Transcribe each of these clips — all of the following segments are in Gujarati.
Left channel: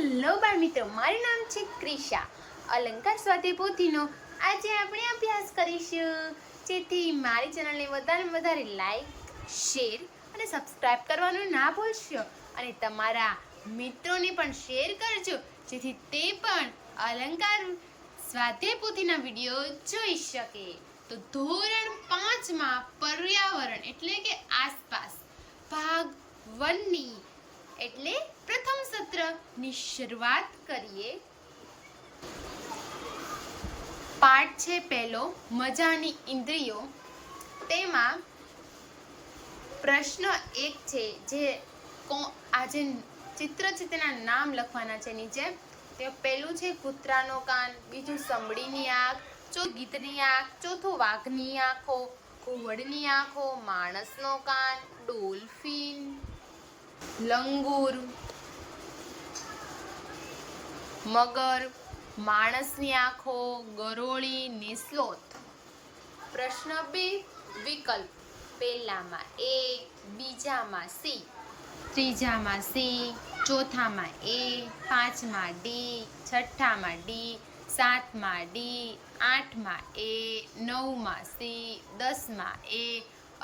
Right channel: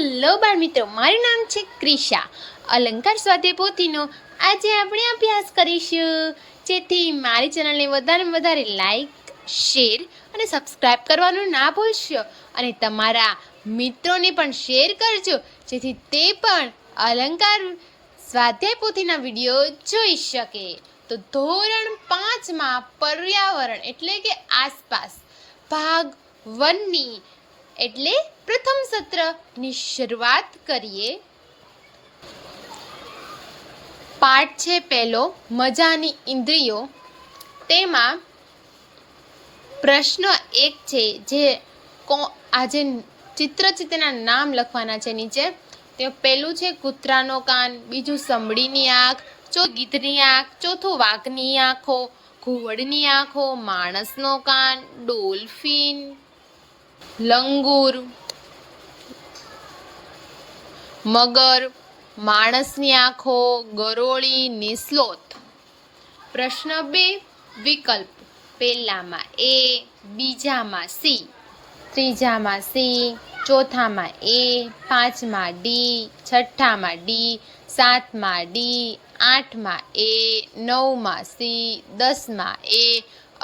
હેલો બાળ મિત્રો, મારું નામ છે ક્રિશા. અલંકાર સ્વાધ્યાય પોથીનો આજે આપણે અભ્યાસ કરીશું. જેથી મારી ચેનલને વધારે લાઈક, શેર અને સબસ્ક્રાઈબ કરવાનું ના ભૂલશો. અને તમારા મિત્રોને પણ શેર કરજો, જેથી તે પણ અલંકાર સ્વાધ્યાય પોથીના વિડીયો જોઈ શકે. તો ધોરણ 5માં પર્યાવરણ એટલે કે આસપાસ ભાગ 1ની એટલે પ્રથમ સત્રની શરૂઆત કરીએ. પાઠ છે પહેલો, મજાની ઇન્દ્રિયો. તેમાં પ્રશ્ન 1 છે, જે આજે ચિત્ર છે તેના નામ લખવાના છે નીચે. તે પહેલું છે કૂતરાનો કાન, બીજું સમડીની આંખ, ચોથું ગીધની આંખ, ચોથું વાઘની આંખો, ઘુવડની આંખો, માણસનો કાન, ડોલ્ફિન, લંગૂર, મગર, માણસની આંખો, ગરોળી ને સ્લોથ. પ્રશ્ન 2, વિકલ્પ. પહેલામાં એ, બીજામાં સી, ત્રીજામાં સી, ચોથામાં એ, પાંચમાં ડી, છઠ્ઠામાં ડી, સાતમાં ડી, આઠમાં એ, નવમાં સી, 10માં એ,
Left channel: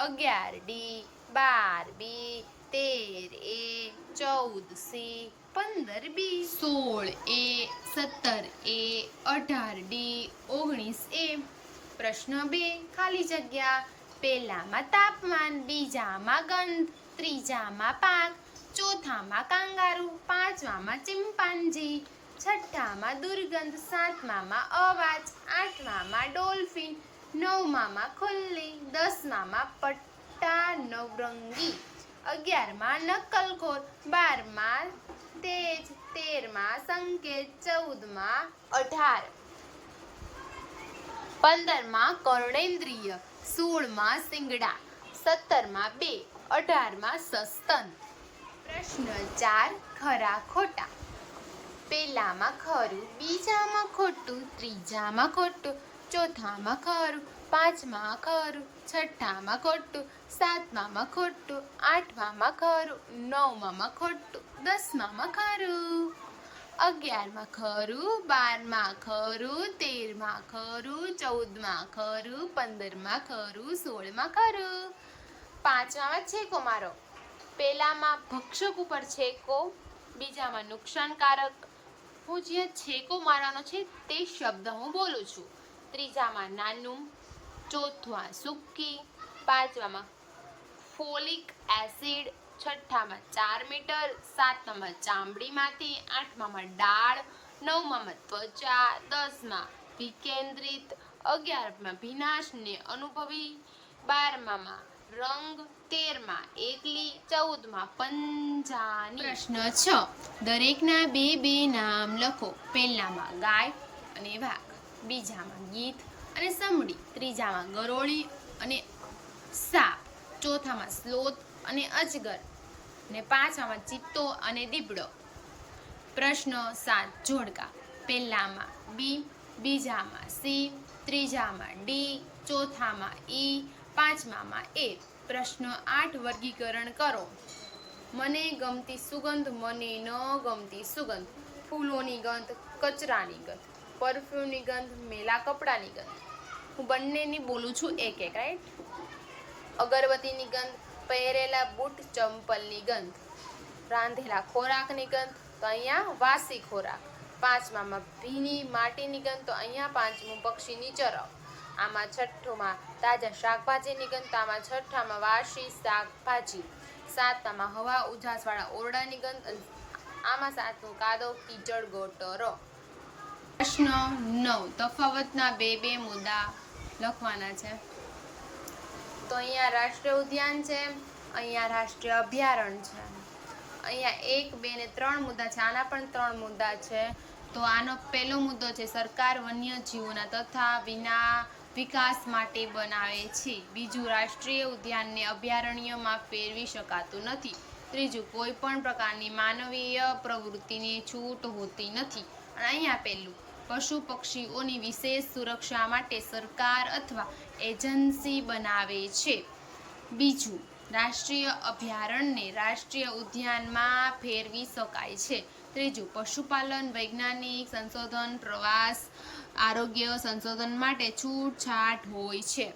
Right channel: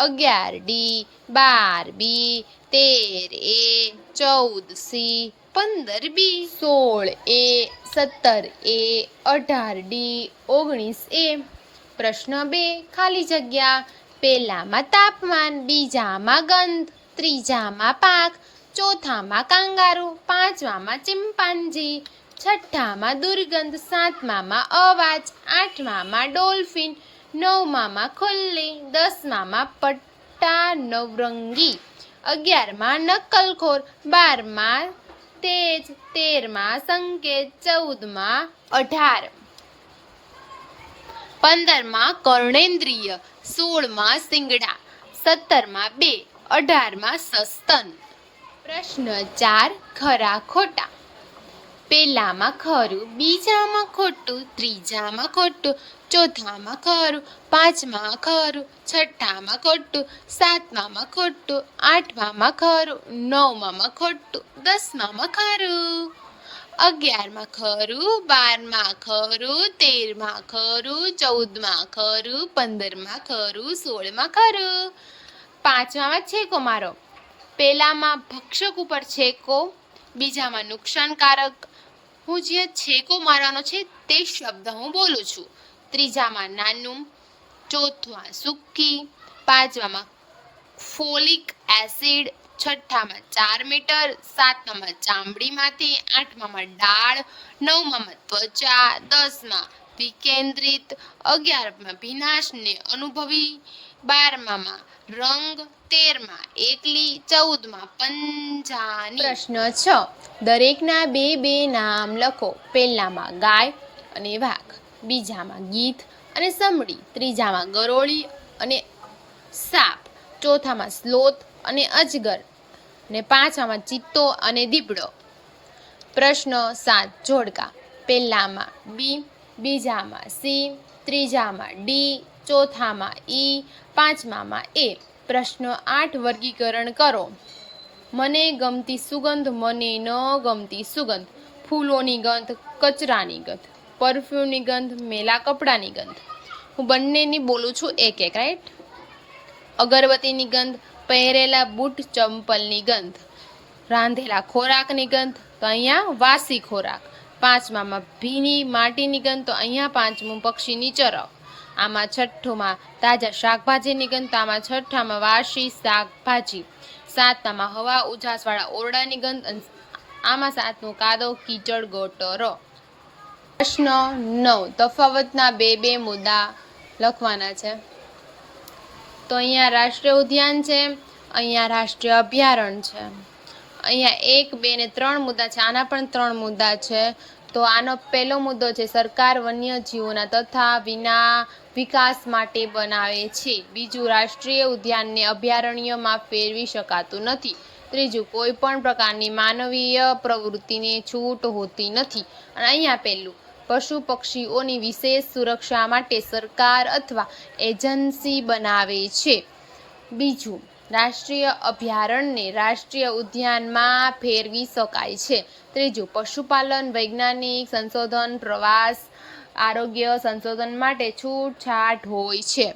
11 ડી, 12 બી, 13 એ, 14 સી, 15 બી, 16 એ, 17 એ, 18 ડી, 19 એ. પ્રશ્ન 2, ખાલી જગ્યા. પહેલામાં તાપમાન, બીજામાં ગંધ, ત્રીજામાં પાક, ચોથામાં કાંગારૂ, પાંચમામાં ચિમ્પાન્જી, છઠ્ઠામાં દુર્ગંધ, સાતમામાં અવાજ, આઠમામાં ડોલ્ફિન, નવમામાં ખુલ્લી, 10મામાં પટ્ટા નવરંગી, 11માં નકલખોર, 12માં તેજ, 13માં સંકેત, 14માં 18, 15માં કર્ણેન્દ્રિય, 16માં શિંગડા, 17માં 2, 18માં સસ્તન. પ્રશ્ન 4, ખરા ખોટા. પહેલામાં ખરું, બીજામાં ખોટું, ત્રીજામાં ખોટું, ચોથામાં ખરું, પાંચમાં ખરું, છઠ્ઠામાં ખોટું, સાતમામાં ખોટું, આઠમામાં ખરું, નવમામાં ખોટું, 10મામાં ખરું, 11માં ખરું, 12માં ખરું, 13માં ખરું, 14માં ખરું, 15માં ખરું, 16માં ખરું. પાંચમામાં છેકો મારો. પહેલામાં ભક્ષક ઉપર છેકો, બીજામાં નુકસાનકારક. હું જે છેકો મારવાનો છે તે શબ્દ હું બોલું છું. ત્રીજામાં નાનું, ચોથમાં સૂકી, પાંચમામાં ફોલિક એસિડ, છઠ્ઠામાં 4 મીટર, સાતમામાં ચામડીમાંથી, આઠમામાં ડાળ, નવમામાં ત્વચા, 10માં વિકેન્દ્રિત, 11માં ભીનાશને અનુભવી, 12મામાં રંગ, 13માં એકલી, 14માં પંજાની. પ્રશ્ન 6, દરેકના બે નામ લખો. પહેલામાં ગાય અને વાઘ, બીજામાં ગીધ અને સમડી, ત્રીજામાં ગરોળી અને સાપ, ચોથામાં સ્લોથ અને અજગર, ને પાંચમામાં ચિત્તો અને દીપડો. પ્રશ્ન 7, જોડકા. પહેલામાં બી, બીજામાં સી, ત્રીજામાં ડી, ચોથામાં ઈ, પાંચમામાં એ. પ્રશ્ન 8, વર્ગીકરણ કરો. મને ગમતી સુગંધ, મને ન ગમતી સુગંધ, ફૂલોની ગંધ, કચરાની ગંધ, પરફ્યુમની ગંધ, મેલા કપડાની ગંધ. હું બંનેની બોલું છું એક એક, રાઈટ. અગરબત્તીની ગંધ, પહેરેલા બૂટ ચંપલની ગંધ, રાંધેલા ખોરાકની ગંધ, તો અહીંયા વાસી ખોરાક. પાંચમામાં ભીની માટીની ગંધ, તો અહીંયા પાંચમું પક્ષીની ચરક. આમાં છઠ્ઠુંમાં તાજા શાકભાજીની ગંધ, તો આમાં છઠ્ઠામાં વાસી શાકભાજી. સાતમામાં હવા ઉજાસવાળા ઓરડાની ગંધ, અને આમાં સાતમું કાદવ કીચડ ગટરો. પ્રશ્ન 9, તફાવતના બે મુદ્દા લખવાના છે. તો અહીંયા રાષ્ટ્રીય ઉદ્યાન છે, અહીંયા રાષ્ટ્રીય અભયારણ્ય છે. અહીંયા 1, 2 ને 3 મુદ્દા છે. આના પણ 3 મુદ્દા છે. તો આનો પહેલો મુદ્દો છે, સરકાર વન્યજીવોના તથા વિકાસ માટે બનાવે છે. બીજું, રાષ્ટ્રીય ઉદ્યાનને અભયારણ્યમાં ફેરવી શકાતું નથી. ત્રીજું, કોઈ પણ પ્રકારની માનવીય પ્રવૃત્તિને છૂટ હોતી નથી. અને અહીંયા પહેલું, પશુ પક્ષીઓની વિશેષ સુરક્ષા માટે સરકાર અથવા એજન્સી બનાવે છે. બીજું, રાષ્ટ્રીય અભયારણ્યને રાષ્ટ્રીય ઉદ્યાનમાં ફેરવી શકાય છે. ત્રીજું, પશુપાલન, વૈજ્ઞાનિક સંશોધન, પ્રવાસ, આરોગ્ય સંશોધન માટે છૂટછાટ હોય છે.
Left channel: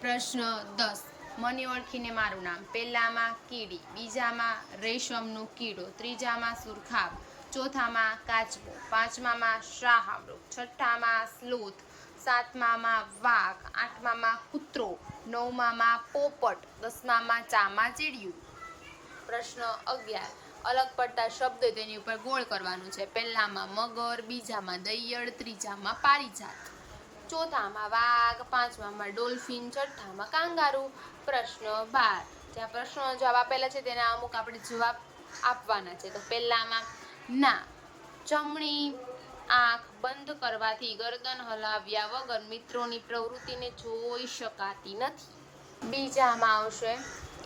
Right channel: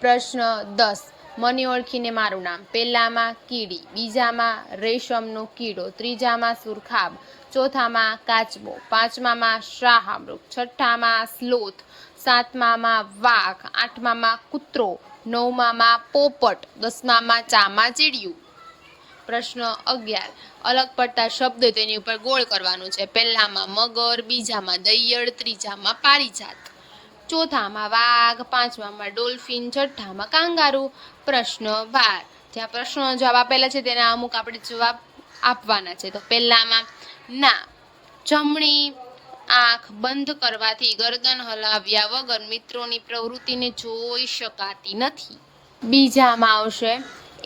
પ્રશ્ન 10. મને ઓળખીને મારું નામ. પહેલામાં કીડી, બીજામાં રેશમનો કીડો, ત્રીજામાં સુરખાબ, ચોથામાં કાચબો, પાંચમામાં શાહમૃગ, છઠ્ઠામાં સ્લોથ, સાતમામાં વાઘ, આઠમામાં કૂતરો, નવમામાં પોપટ, દસમામાં ચામાચીડિયું. પ્રશ્ન 11. અલગ પડતા શબ્દ તેની ઉપર ગોળ કરવાનું છે. પહેલામાં મગર, બીજામાં દૈયળ, ત્રીજામાં પારિજાત, ચોથામાં વાઘ, પાંચમામાં ડોલ્ફિન, છઠ્ઠામાં કાંગારૂ. પ્રશ્ન 12. જ્યાં પ્રશ્નનો જવાબ આપેલા છે તેના અમુક આપણે જવાબ આપવાના છે. તો પહેલામાં ના, જમણી આંખ બંધ કરવાથી ગરદન હલાવ્યા વગર મિત્રોની પ્રવૃત્તિને જોઈ શકાતી નથી. બીજામાં આવશે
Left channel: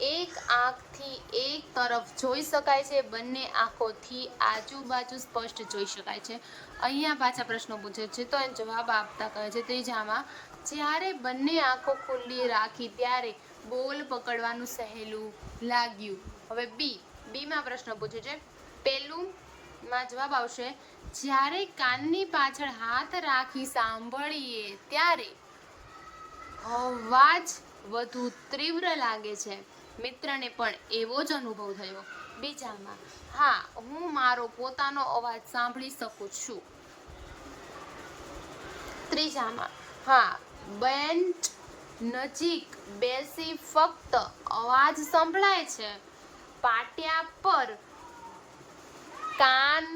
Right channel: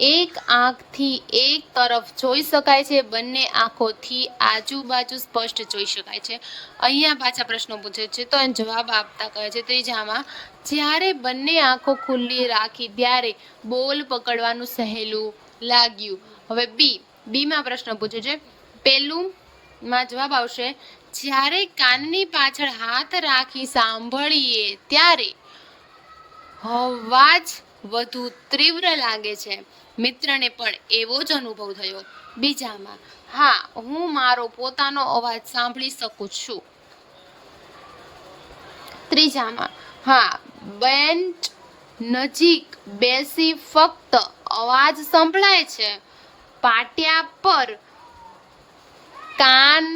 એક આંખથી એક તરફ જોઈ શકાય છે, બંને આંખોથી આજુબાજુ સ્પષ્ટ જોઈ શકાય છે. અહીંયા પાછા પ્રશ્નો પૂછે છે તો એને જવાબ આપતા કહે છે. ત્રીજામાં જ્યારે બંને આંખો ખુલ્લી રાખી ત્યારે બોલ પકડવાનું સહેલું લાગ્યું. હવે બીમાં પ્રશ્ન પૂછે છે. પહેલુંમાં જવાબ આવશે જ્યારે કાનની પાછળ હાથ રાખી સાંભળીએ ત્યારે અવાજ વધુ તીવ્ર લાગે છે. મિત્રને પણ એવો જ અનુભવ થયો. બીજામાં હા, હું મારો પોતાનો અવાજ સાંભળી શકું છું. ત્રીજામાં હા, બેન્ચ નજીક બેસી ફક્ત અવાજ સંભળાય છે. પાટિયા પર કાન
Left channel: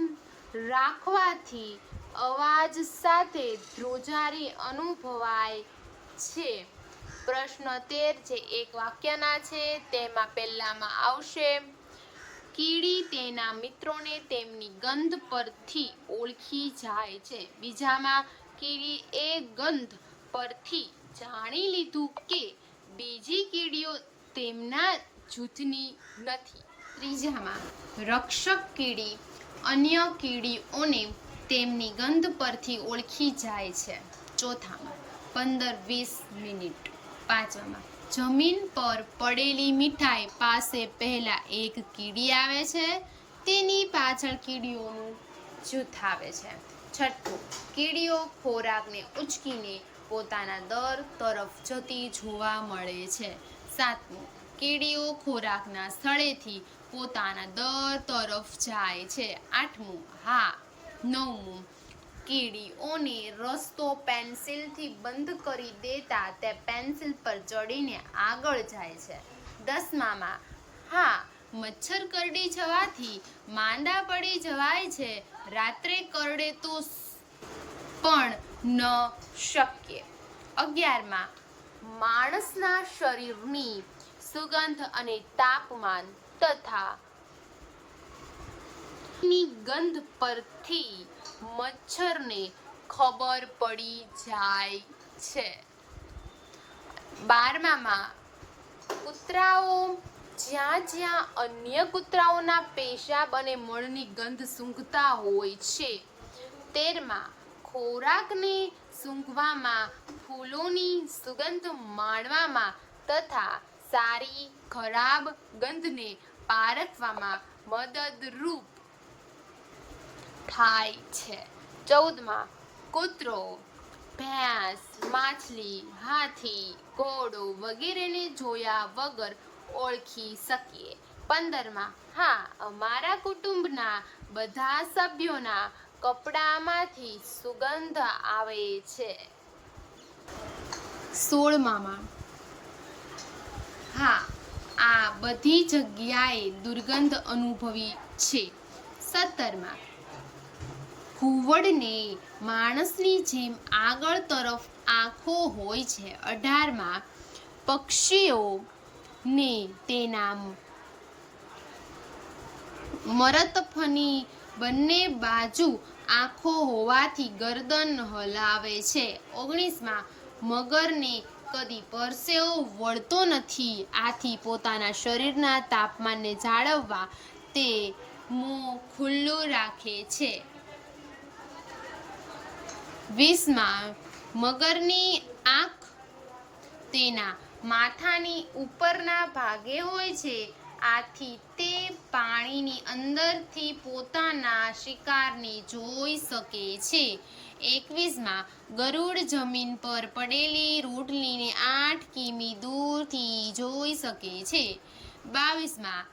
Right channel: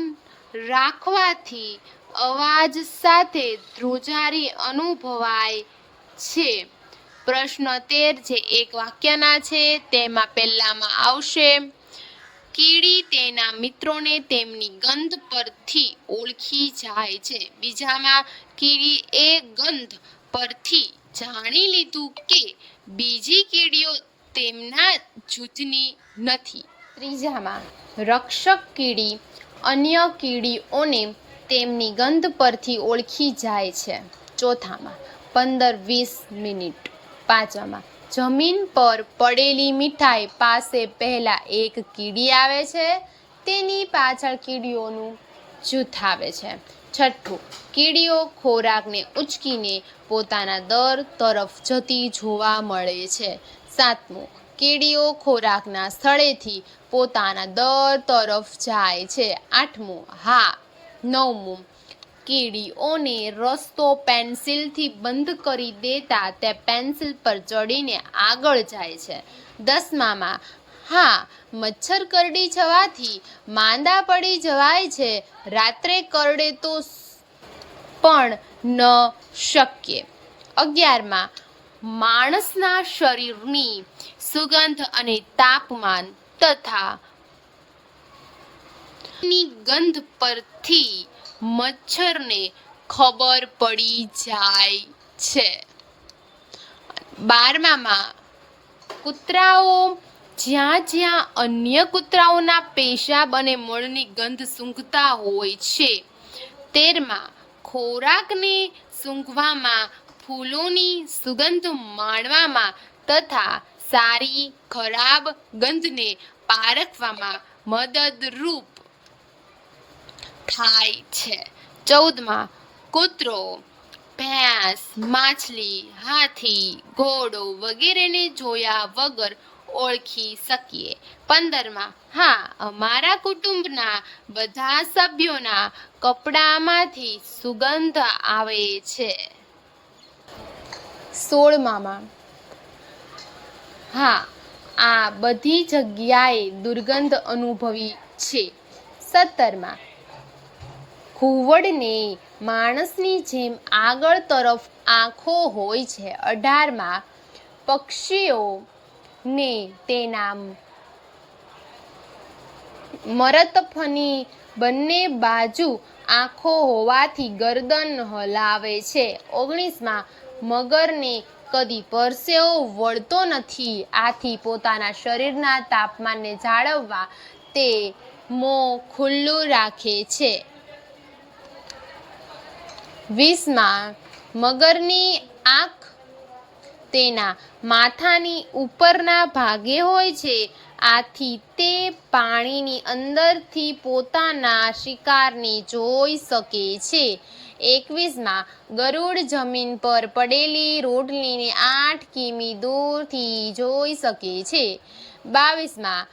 રાખવાથી અવાજ સાથે ધ્રુજારી અનુભવાય છે. પ્રશ્ન 13 જે એક વાક્યના છે તેમાં પહેલામાં આવશે કીડી તેના મિત્રોને તેમની ગંધ પરથી ઓળખી જાય છે. બીજામાં કીડી એ ગંધ પરથી જાણી લીધું કે બીજી કીડીઓ તેમના જૂથની નથી. ત્રીજામાં રક્ષક કીડી અન્ય કીડીઓને તેમની ગંધ પરથી ઓળખી જાય છે. ચોથામાં 15-20 મિનિટ. પાંચમાં જમીન પર પડેલી મીઠાઈ પાસે પહેલા એક કીડી આવે છે, તેની પાછળ કીડીઓનું જૂથ આવે છે. છઠ્ઠું, કીડીઓ ખોરાકને ઉંચકીને પોતાના દર તરફ જતી જોવા મળે છે. સાતમું, કીડીઓ ખોરાકના સ્થળેથી પોતાના દર તરફ જાય છે. આઠમું હા. નવમું, કીડીઓને રસ્તો પેન્સિલથી બંધ કરી દેતા તે પેન્સિલ પર ચડીને આગળ જાય છે. દસમામાં હા, મચ્છર કરડી જવાથી માંદા પડી જવાય છે. રાત્રે કરડે તો પણ ન શક્ય. 11માં માણસના શરીરની સુગંધ અને તાપમાન તથા ની ગંધ પરથી મચ્છરને ખબર પડી જાય છે. 12માં કૂતરાઓ જ્યાં જ્યાં અન્ય કૂતરાઓના પેશાબ અને મળની ગંધ સૂંઘતા હોય છે. 13માં ખોરાકને સૂંઘવામાં, ફૂલોની સુગંધ માણવામાં તથા સારી ખરાબ ગંધને પારખવામાં મદદરૂપ થાય છે. 14માં કૂતરો, ભેંસ, માછલી, હાથી, ઘોડો વગેરેને જોયા વગર ઓળખી શકીએ. 15માં હા, અમારા કુટુંબના બધા સભ્યોના કપડામાંથી સુગંધ આવે છે. 16માં હા, આ બધી જગ્યાએ દુર્ગંધ અનુભવી છે. 17માં ઘુવડને માણસની જેમ આગળ તરફ આંખો હોય છે. 18માં પક્ષીઓને તેના મરતફની બંને બાજુ આંખો હોવાથી ગરદન હલાવે છે. 19માં મગરને કદી પરસેવો વળતો નથી, આથી પોતાના શરીરના તાપમાનને જાળવવા તે મોં ખુલ્લું રાખે છે. 20માં મગરની આંખ તેના માથાની ઉપરના ભાગે હોય છે, આથી તે પાણીની અંદરથી પોતાના શિકારને જોઈ શકે છે. 21માં ગરુડ જમીન પર પડેલી રોટલીને 8 કિમી દૂરથી જોઈ શકે છે. 22માં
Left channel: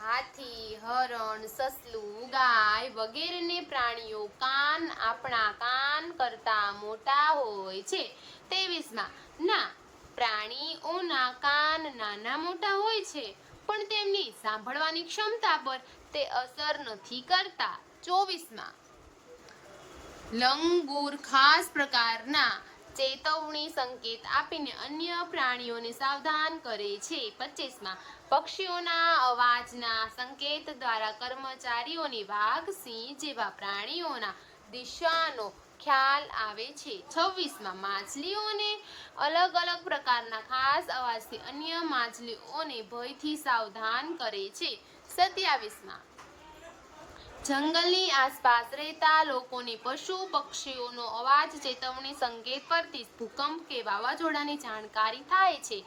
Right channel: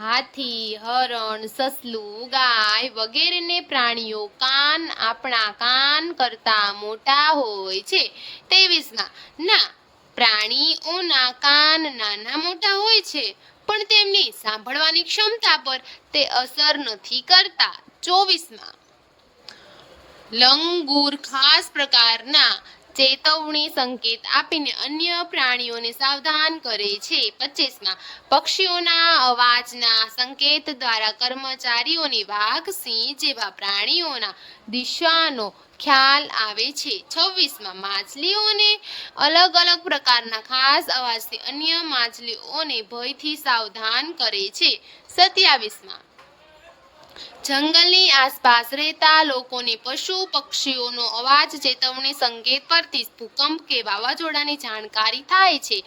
હાથી, હરણ, સસલું, ગાય વગેરેને પ્રાણીઓ કાન આપણા કાન કરતાં મોટા હોય છે. 23માં ના, પ્રાણીઓના કાન નાના મોટા હોય છે, પણ તેમની સાંભળવાની ક્ષમતા પર તે અસર નથી કરતા. 24માં લંગૂર ખાસ પ્રકારના ચેતવણી સંકેત આપીને અન્ય પ્રાણીઓને સાવધાન કરે છે. 25માં પક્ષીઓના અવાજના સંકેત દ્વારા કર્મચારીઓને વાઘ, સિંહ જેવા પ્રાણીઓના દિશાનો ખ્યાલ આવે છે. 26માં માછલીઓને અલગ અલગ પ્રકારના ખાસ અવાજથી અન્ય માછલીઓને ભયથી સાવધાન કરે છે. 27માં જંગલની આસપાસ રહેતા લોકોને પશુ પક્ષીઓનો અવાજ ચેતવણી સંકેત પરથી ભૂકંપ કે વાવાઝોડાની જાણકારી થાય છે.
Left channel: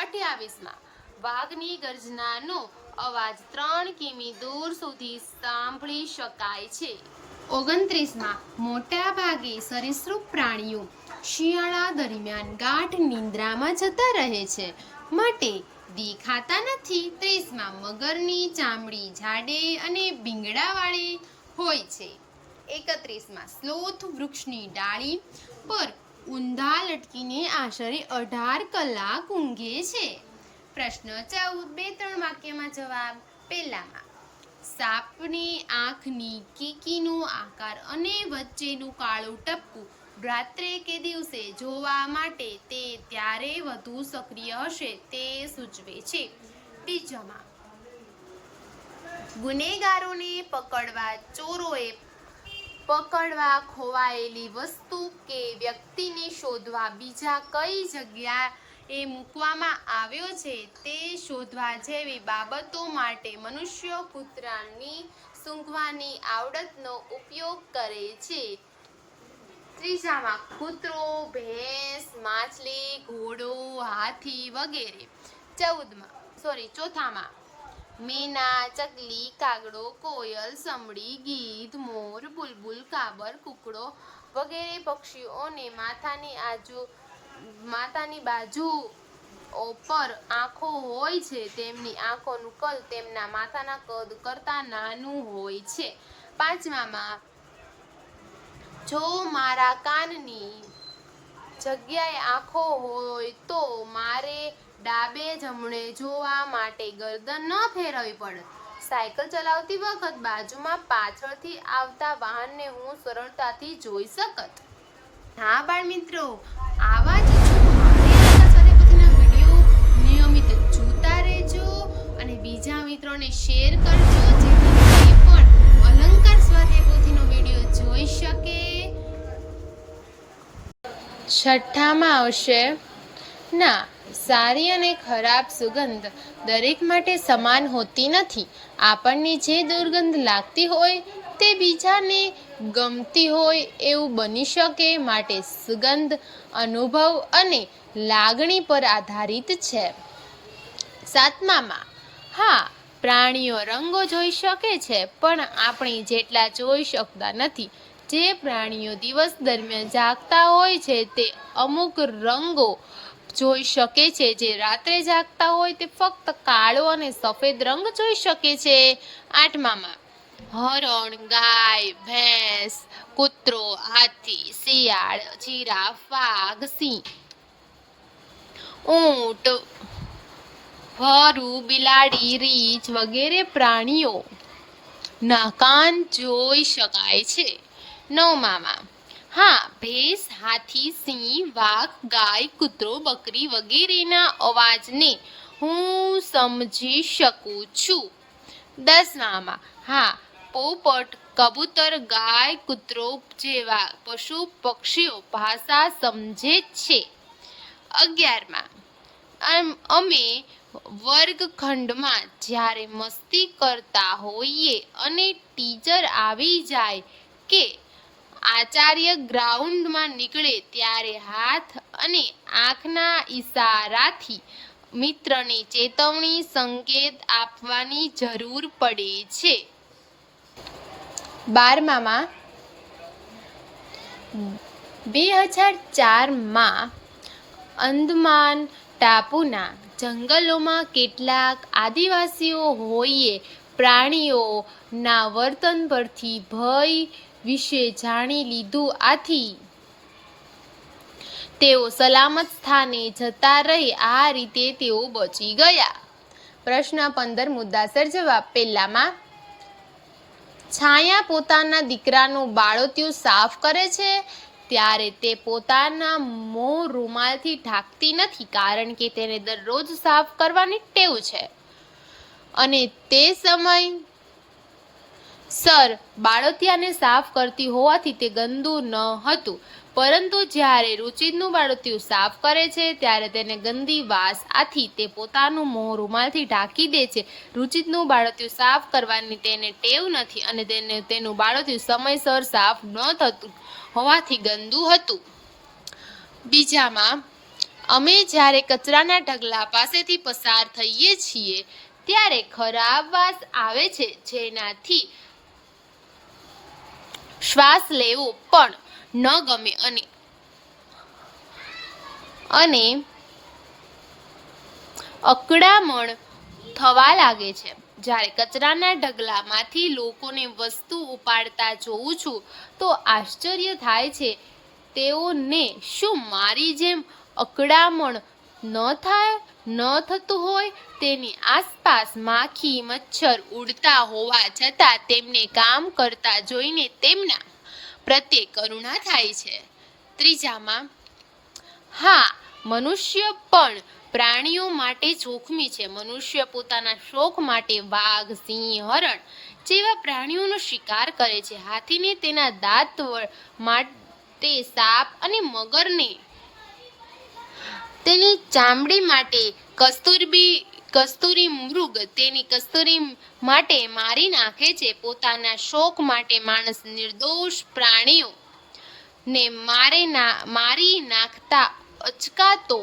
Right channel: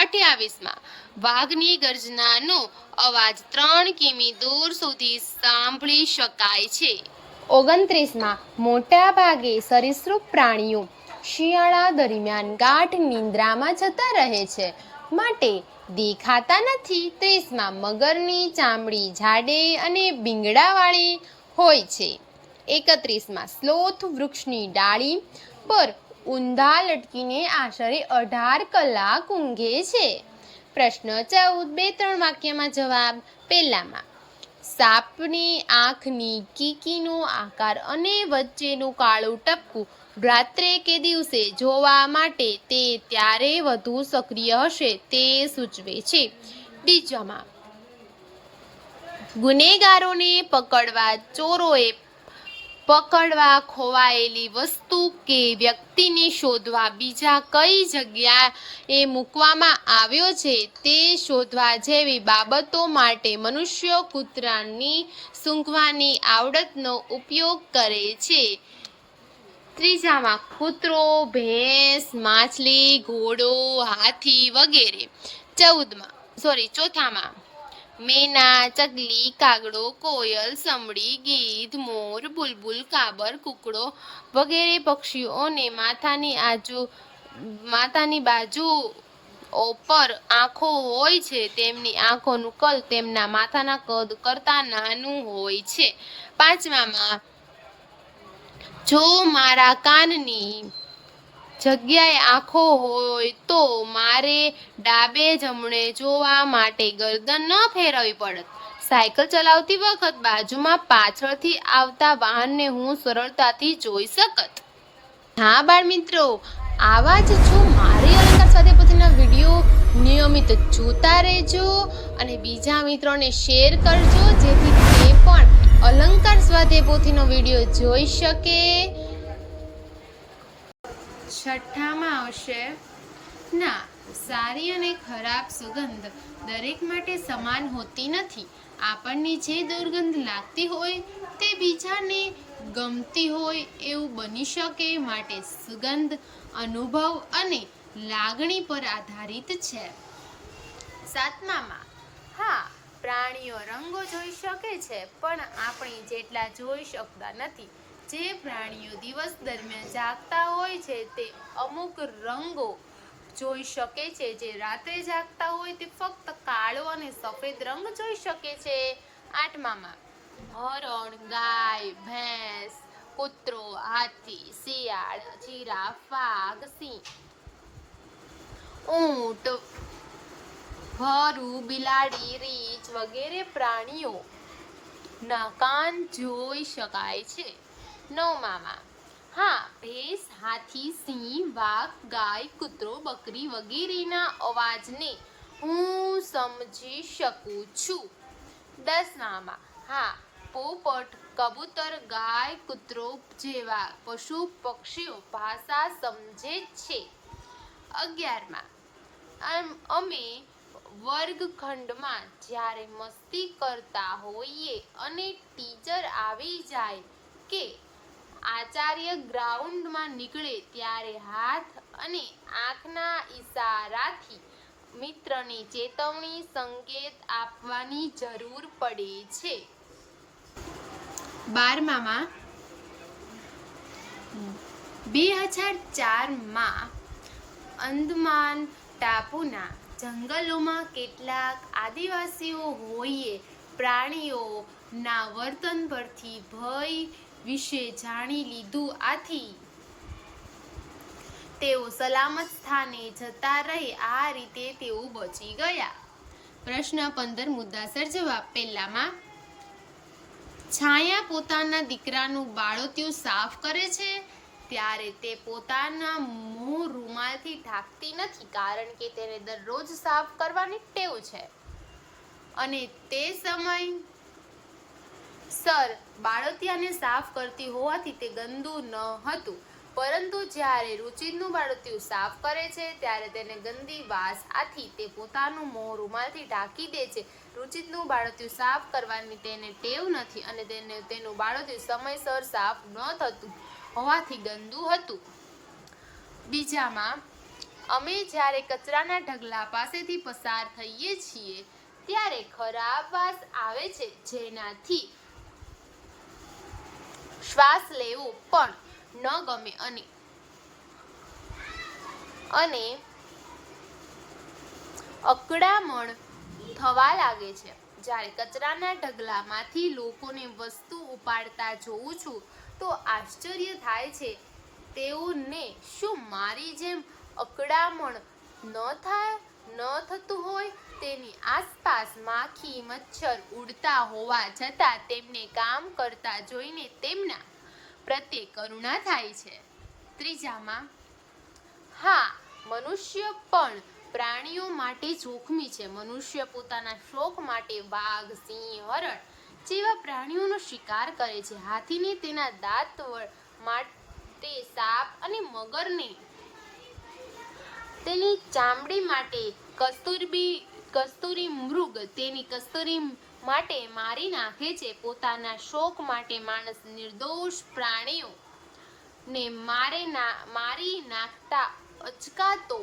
28માં વાઘની ગર્જનાનો અવાજ 3 કિમી દૂર સુધી સાંભળી શકાય છે. 29માં મોટા ભાગે સરીસૃપ પ્રાણીઓ શિયાળા દરમિયાન ગાઢ નિંદ્રામાં જતા રહે છે, માટે દેખાતા નથી. 30માં મગરની ચામડી જાડી અને ભીંગડાવાળી હોય છે. 31માં સ્લોથ વૃક્ષની ડાળી પર ઊંધા લટકીને આશરે 18 કલાક ઊંઘે છે. પ્રશ્ન 14. 2-3 વાક્યમાં જવાબ. પહેલામાં સાપની આંખની કીકીનો આકાર અને વચ્ચેનું કાળું ટપકું રાત્રે કે દિવસે જોવા માટે તે ત્યારે વધુ સક્રિય હશે તે સૂચવે છે. બીજામાં ગુનેગારોને પકડવા ચોરોએ પકડવા ખોવાયેલી વસ્તુ કે વ્યક્તિને શોધવા બીજા કઈ જગ્યાએ મૂકવામાં આવ્યો છે તે શોધવા જેવી બાબતો માટે મનુષ્ય કૂતરાની સૂંઘવાની આવડતનો ઉપયોગ કરે છે. ત્રીજામાં કૂતરો, ભેંસ, માછલી, ઘોડો, હાથી વગેરે. ચોથામાં મેના, ચકલી, કાગડો, કોયલ, સમડી, ગીધ, મોર, બુલબુલ, કાબર, કુકડો વગેરે પક્ષીઓને માથાની બાજુઓ પર આંખો હોય છે. તેમની આંખોનું કદ તેમના માથાના કદ કરતાં નાનું હોય છે. પાંચમામાં જો મારા કાનની જગ્યાએ આંખો હોય તો મારે ડાબે જમણે જોવા માટે ગરદન ન ફેરવવી પડત. સાયકલ ચલાવતી વખત બાજુમાં પાછળથી આવતા વાહનને હું સરળતાથી જોઈ શકત. હા બાળમિત્રો, આવા જ જો મારી અલંકાર સ્વાધ્યાય પોથીના વિડીયો નિયમિત જોતા રહેજો અને બીજા મિત્રોને શેર કરજો, જેથી તે પણ અલંકાર સ્વાધ્યાય પોથીનો વિડીયો જોઈ શકે. છઠ્ઠામાં આવશે ના, સારી અને ખરાબ સુગંધ દરેક માટે સમાન હોતી નથી. આપણને જે દુર્ગંધ લાગતી હોય તે બીજાને ગમતી હોય એવું બની શકે, માટે સુગંધ અનુભવ અને લાગણી પર આધારિત છે. સાતમામાં હા, પ્રાણીઓ રંગો જોઈ શકે છે, પણ આપણે જેટલા જોઈ શકતા નથી. જે પ્રાણીઓ દિવસ દરમિયાન જાગતા હોય છે તે અમુક રંગો જોઈ શકે છે, જે રાત્રે જાગતા હોય તે ફક્ત કાળો અને સફેદ રંગ જોઈ શકે છે. આઠમામાં હરણ, ગાય, ભેંસ, કૂતરો, હાથી, શિયાળ, જીરાફ, વાઘ, સિંહ, ઊંટ, વરુ, બિલાડી, રીંછ વગેરે પ્રાણીઓ ના કાન જોઈ શકાય છે. નવમામાં હા, ભેંસ, હાથી, સિંહ, વાઘ, ગાય, કૂતરો, બકરી વગેરેના અવાજને હું સમજી શકું છું. 10મામાં હા, પોપટ, કબૂતર, ગાય, કૂતરો જેવા પશુ પક્ષીઓ ભાષા સમજે છે. 11માં અમે વર્ગખંડમાં જ્યારે મસ્તી કરતા હોઈએ અને ટીચર આવી જાય કે આચાર્ય ગ્રાઉન્ડમાં નીકળે ત્યારે હાથ અને આંખના ઈશારાથી મિત્રને ચેતવણી સંકેત આપવાની જરૂર પડે છે. 12માં 2004માં અંદમાન ટાપુના જંગલોમાં કેટલાક આદિવાસીઓએ પ્રાણીઓના વર્તન પરથી ભય વિશે જાણી લીધું. આથી તેઓ સલામત સ્થાને જતા રહે. આ રીતે તેઓ બચી ગયા. પ્રશ્ન 15 મુદ્દાસર જવાબ. પહેલામાં છાયા પોતાના દીકરાનું બાળોતિયું સાફ કરે છે ત્યારે તે પોતાના મોં રૂમાલથી ઢાંકતી નથી, કારણ કે તેને દરરોજ સાફ કરવાની ટેવ છે અને તે સમયસર બાળોતિયાને સાફ કરતી હોવાથી તે ગંદુ ન હતું. પરંતુ જ્યારે રુચિતનું બાળોતિયું સાફ કરે છે ત્યારે તેને ગંદી વાસ. આથી તે પોતાનું મોં રૂમાલથી ઢાંકી દે છે. રુચિતનું બાળોતિયું સાફ કરવાની તેને ટેવ નથી અને તેનું બાળોતિયું સમયસર સાફ ન થતું હોવાથી ગંદુ હતું. બીજામાં, અમે જ્યારે કચરાના ઢગલા પાસેથી પસાર થઈએ છીએ ત્યારે ખરાબ વાસ આવે છે, જેનાથી શ્વાસ લેવો પણ ન ગમે અને અકળામણ થવા લાગે છે. જ્યારે કચરાના ઢગલામાંથી લોકોને વસ્તુ ઉપાડતા જોઉં છું તો આશ્ચર્ય થાય છે. તેઓને શું મારી જેમ અકળામણ ન થતું હોય? તેની આસપાસ માખી મચ્છર ઉડતા હોવા છતાં તેમને કામ કરતા જોઈને તેમના પ્રત્યે કરુણા થાય છે. ત્રીજામાં, હા, મનુષ્ય પણ પ્રાણીઓ માટે જોખમી છે. મનુષ્ય પોતાના શોખ માટે વાઘ, સિંહ, હરણ જેવા પ્રાણીઓનો શિકાર કરે છે. હાથીને તેના દાંત માટે, સાપ અને મગરને તેની ચામડી માટે, કસ્તુરી મૃગ તેની કસ્તુરી માટે મારી નાખે છે. પોતાના શોખ માટે માણસ નિર્દોષ પ્રાણીઓને મારી નાખતા અચકાતો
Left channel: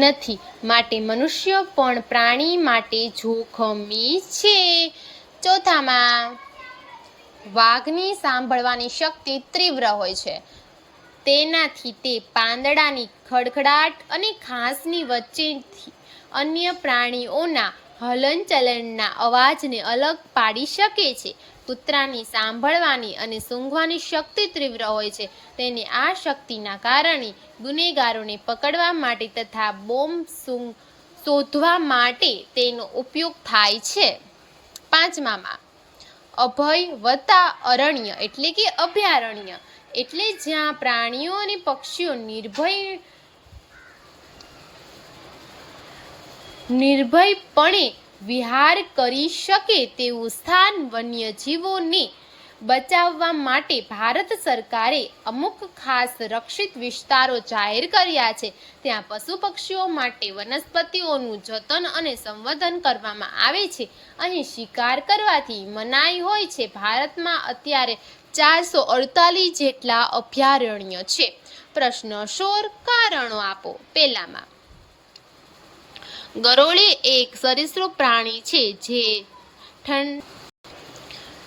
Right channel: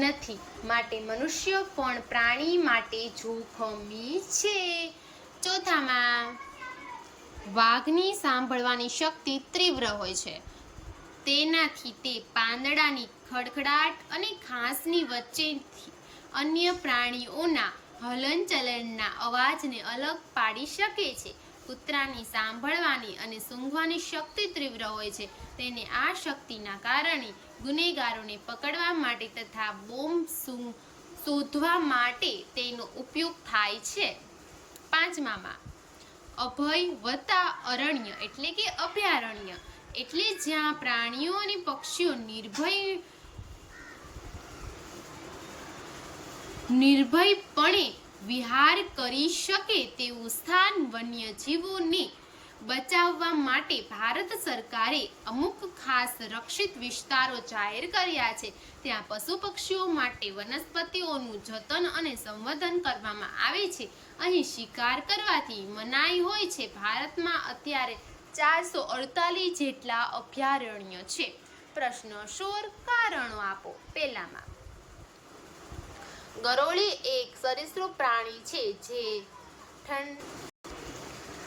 નથી. માટે મનુષ્ય પણ પ્રાણી માટે જોખમી છે. ચોથામાં, વાઘની સાંભળવાની શક્તિ તીવ્ર હોય છે. તેનાથી તે પાંદડાની ખડખડાટ અને ઘાસની વચ્ચેથી અન્ય પ્રાણીઓના હલનચલનના અવાજને અલગ પાડી શકે છે. કૂતરાની સાંભળવાની અને સૂંઘવાની શક્તિ તીવ્ર હોય છે. તેની આ શક્તિના કારણે ગુનેગારોને પકડવા માટે તથા બોમ્બ શોધવા માટે તેનો ઉપયોગ થાય છે. પાંચમામાં, અભય + અરણ્ય એટલે કે અભયારણ્ય એટલે જ્યાં પ્રાણીઓ અને પક્ષીઓ નિર્ભયપણે વિહાર કરી શકે તેવું સ્થાન. વન્યજીવોને બચાવવા માટે ભારત સરકારે અમુક ખાસ રક્ષિત વિસ્તારો જાહેર કર્યા છે. ત્યાં પશુ પક્ષીઓ માટે વનસ્પતિઓનું જતન અને સંવર્ધન કરવામાં આવે છે. અહીં શિકાર કરવાથી મનાઈ હોય છે. ભારતમાં અત્યારે 448 જેટલા અભયારણ્ય છે. પ્રશ્ન 16 કારણો આપો. પહેલામાં, ગરોળી એક સરીસૃપ પ્રાણી છે જે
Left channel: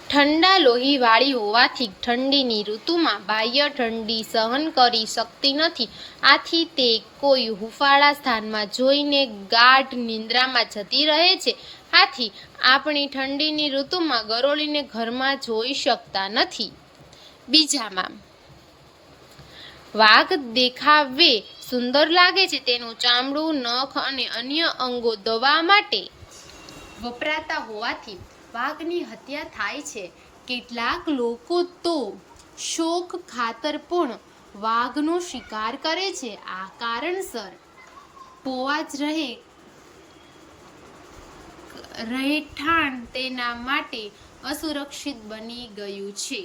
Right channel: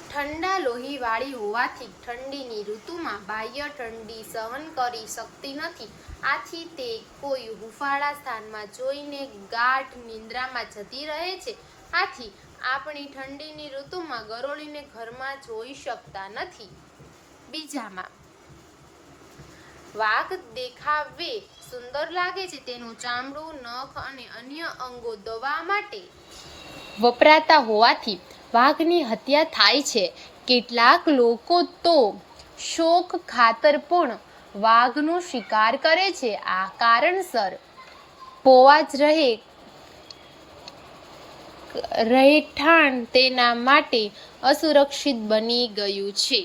ઠંડા લોહીવાળી હોવાથી ઠંડીની ઋતુમાં બાહ્ય ઠંડી સહન કરી શકતી નથી. આથી તે કોઈ હૂંફાળા સ્થાનમાં જઈને ગાઢ નિંદ્રામાં જતી રહે છે. આથી આપણે ઠંડીની ઋતુમાં ગરોળીને ઘરમાં જોઈ શકતા નથી. બીજામાં, વાઘ દેખાવે સુંદર લાગે છે. તેનું ચામડું, નખ અને અન્ય અંગો દવા માટે વપરાતા હોવાથી વાઘની હત્યા થાય છે. કેટલાક લોકો તો શોખ ખાતર પણ વાઘનો શિકાર કરે છે. આ કારણસર પોવા જ રહેઠાણ તેના માટે અસુરક્ષિત બની ગયું છે.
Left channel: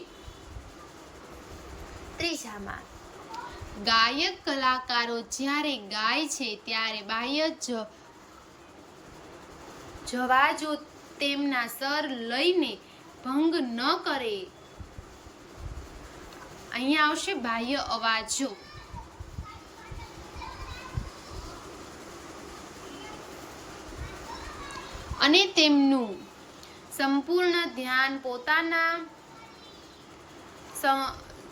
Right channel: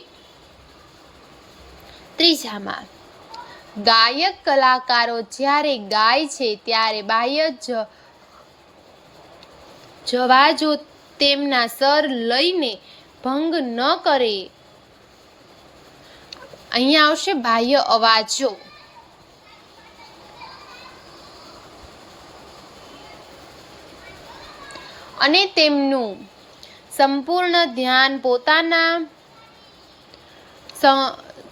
ત્રીજામાં, ગાયક કલાકારો જ્યારે ગાય છે ત્યારે બાહ્ય જવાજો તેમના સ્વર લયને ભંગ ન કરે અહીંયા આવશે બાહ્ય અવાજો. અને તેમનું સંપૂર્ણ ધ્યાન પોતાના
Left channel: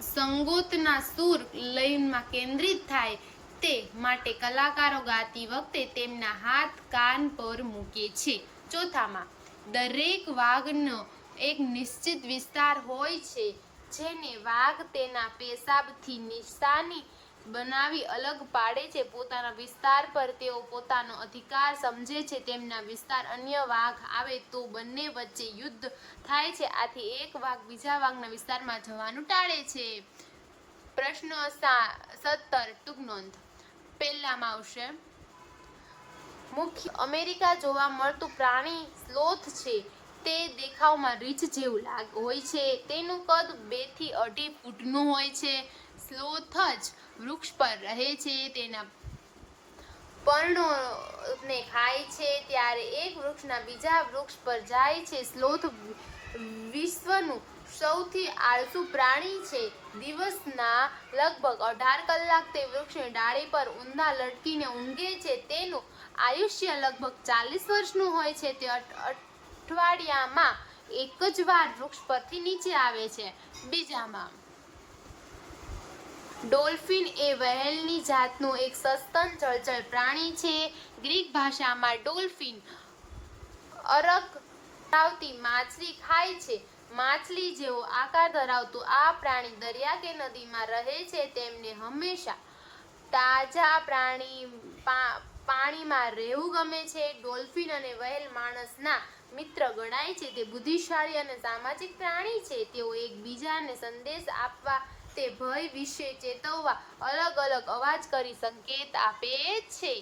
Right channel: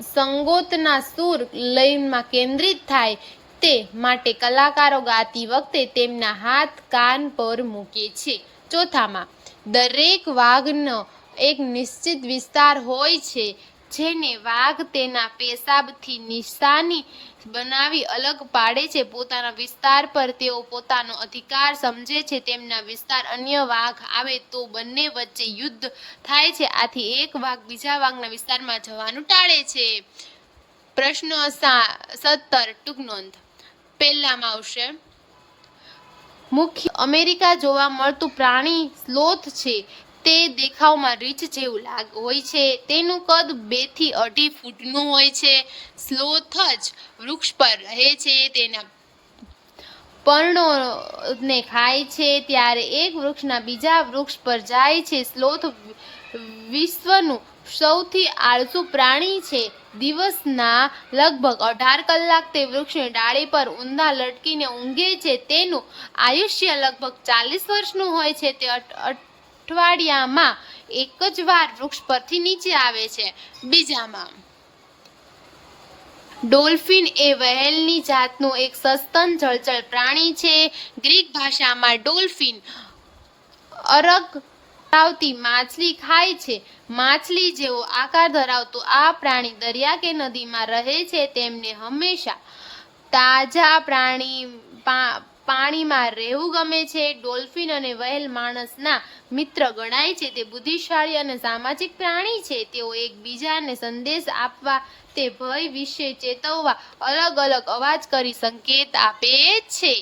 સંગોતના સૂર લયમાં કેન્દ્રિત થાય તે માટે કલાકારો ગાતી વખતે તેમના હાથ કાન પર મૂકે છે. ચોથામાં, દરેક વાઘનો એક નિશ્ચિત વિસ્તાર હોય છે જેને વાઘ તેના પેશાબથી નિશાની બનાવી અલગ પાડે છે. પોતાના વિસ્તાર પર તેઓ પોતાનો અધિકાર સમજે છે. તેમના વિસ્તાર અન્ય વાઘ આવે તો બંને વચ્ચે યુદ્ધ થાય છે. આથી એક વાઘ બીજા વાઘના વિસ્તારમાં જવાનું ટાળે છે. પ્રશ્ન 17 ટૂંક નોંધ. પહેલામાં આવશે, મુખ્ય અમેરિકા જોવા મળતું પ્રાણી સ્લોથ છે. તે દેખાવમાં રીંછ જેવું હોય છે. તેનું કદ 2 થી 2.5 ફૂટનું હોય છે. સ્લોથ જ વૃક્ષ પર રહે છે. તેના પર્ણોને ખાય છે ત્યારે એક વૃક્ષના બીજા વૃક્ષ પર જાય છે. સ્લોથ વિશ્વનું સૌથી આળસુ પ્રાણી છે. દિવસના લગભગ 18 કલાક તે વૃક્ષની ડાળી પર ઊંધા લટકીને ઊંઘે છે. તેનું આયુષ્ય લગભગ 40 વર્ષનું હોય છે. તે અઠવાડિયામાં એક જ વાર વૃક્ષ પરથી નીચે આવે છે. બીજામાં, ડોલ્ફિન એ વહેલની જાતનું એક સસ્તન જળચર પ્રાણી છે. ગ્રીક ભાષામાં ડોલ્ફિન અરગ ધરાવતી માછલી ખાય છે. માછલી જેવો આકાર ધરાવતું આ પ્રાણી દરિયા કે નદીમાં રહે છે. તેમને હંમેશા તાજા પાણીમાં રહેવું ગમે છે. ડોલ્ફિન અને વહેલ માણસના મિત્ર ગણાય છે. તે બુદ્ધિશાળી અને સામાજિક પ્રાણી છે. તેઓ એકબીજાને સંદેશ આપવા, તે ભય વિશે ચેતવવા અલગ અલગ અવાજ કરી સંકેત આપે છે.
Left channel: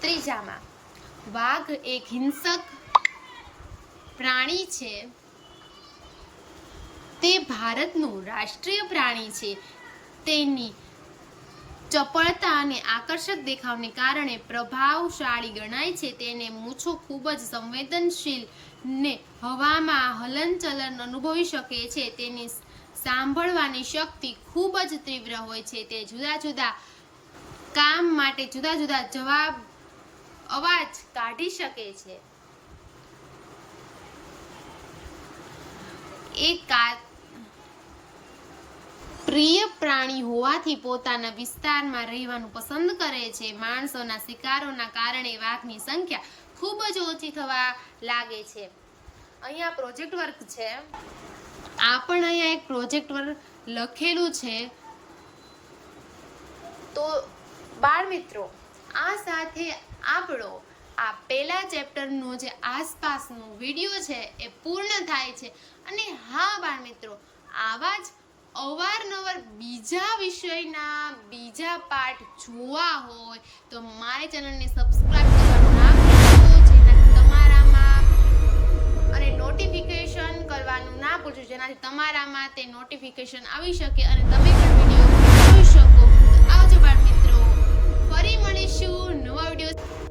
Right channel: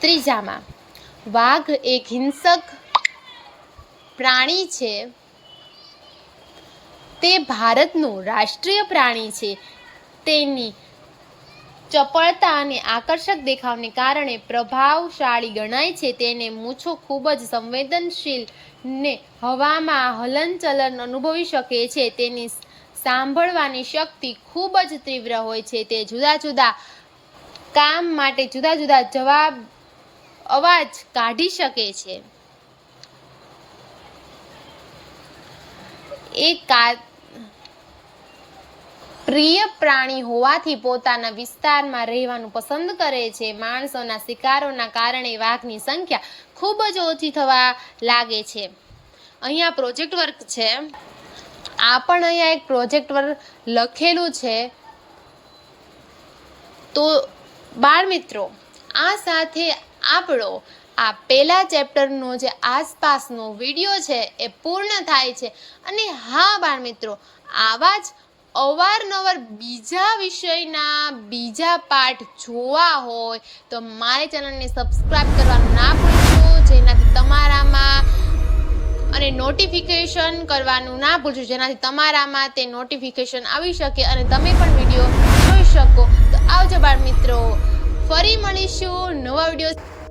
ત્રીજામાં, વાઘ એક હિંસક પ્રાણી છે. તે ભારતનું રાષ્ટ્રીય પ્રાણી છે. તેની ચપળતા અને આકર્ષક દેખાવને કારણે પ્રભાવશાળી ગણાય છે. તેને મૂછો ખૂબ જ સંવેદનશીલ ને હવામાં હલનચલન અનુભવી શકે છે. તેની સાંભળવાની શક્તિ ખૂબ જ તીવ્ર હોય છે. તે જુદા જુદા કામ માટે જુદા જુદા અવાજ કાઢી શકે છે. એક પ્રિય પ્રાણી હોવાથી પોતાના વિસ્તારમાં રહેવાનું પસંદ કરે છે. માણસોના શિકારોના કારણે વાઘની સંખ્યા ખૂબ જ ઓછી થવા લાગે છે. અહીંયા પ્રોજેક્ટ વર્ક છે. આ પણ અહીંયા એક પ્રોજેક્ટ વર્ક લખેલું છે. તો બાળ મિત્રો, આ સાથે આપણો આ પહેલા ચેપ્ટરનો જે આસપાસનો વિડીયો છે એ પૂર્ણ થાય છે. અને હા બાળ મિત્રો, આવા જ અવારનવાર બીજા વિષયના બીજા પાઠ જોવા હોય તો મારી ચેનલને સબસ્ક્રાઇબ કરવાનું ના ભૂલશો, જેનાથી તમારામાં અને નોટિફિકેશન કરવાનું ના ભૂલશો, જેનાથી તમારામાં તે નોટિફિકેશન આવી શકે અને તમે પણ વિડીયો જોઈ શકો. તો આવજો બાળ મિત્રો, ફરી મળીશું નવા વિડીયો